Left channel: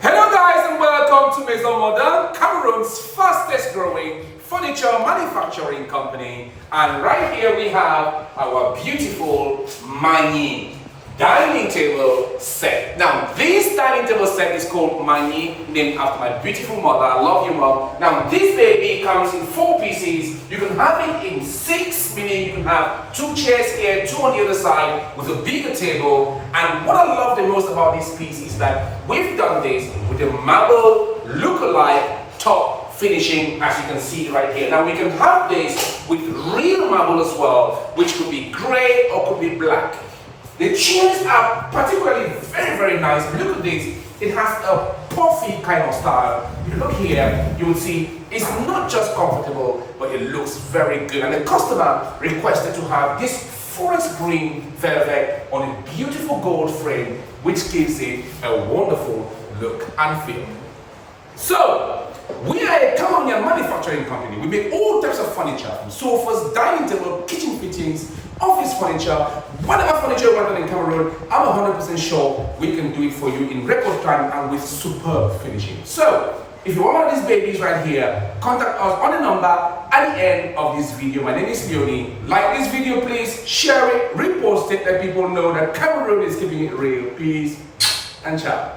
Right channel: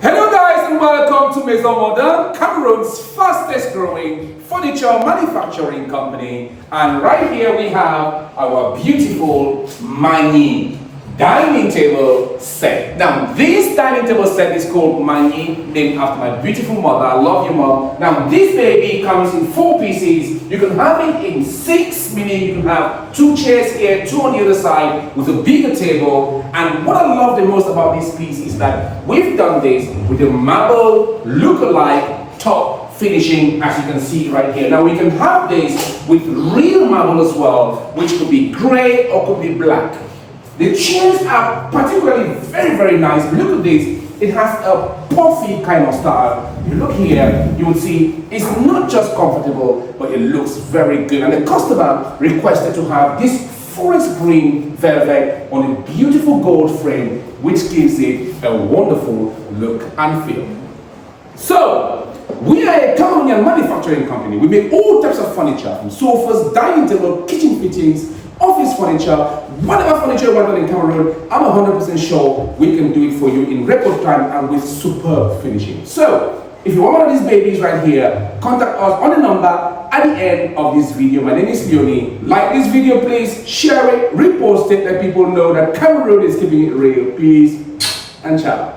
Hello guys and welcome to Maison Modern, Cameroon's fastest growing furniture manufacturing company. And right here we have our beautiful Manyi dining table set. Now this dining table set is called Manyi, named after my beautiful mother. I love you, mom. Now this baby comes in 4 pieces. You can have it in 6, meaning you can have 2 chairs here, 2 on the other side with a bigger table. And what I love the most about this piece is that we've done this with a marble look-alike top finishing, as you can see right here. Now we can have this with real marble as well, which could be grey or could be black. The chairs are particularly very nice. Look at this. It has a puffy kind of style. You look here, you will see it's not just comfortable, but it looks very good. And the customer requested to have this forest green velvet on a beautiful gold frame, which gives it a wonderful look and feel. So, we are a Cameroonian manufacturing company. We make all types of furniture, from sofas, dining table, kitchen fittings, office furniture, whatever furniture you want in Cameroon. I'm 100% sure we can do it for you in record time and with superb finishing. So, if you want one of these babies right here, contact us on the number at the end of this video. My name is Leonie. Like this video, please, share it, repost it, let people know that Cameroon is keeping it real. Peace and ciao.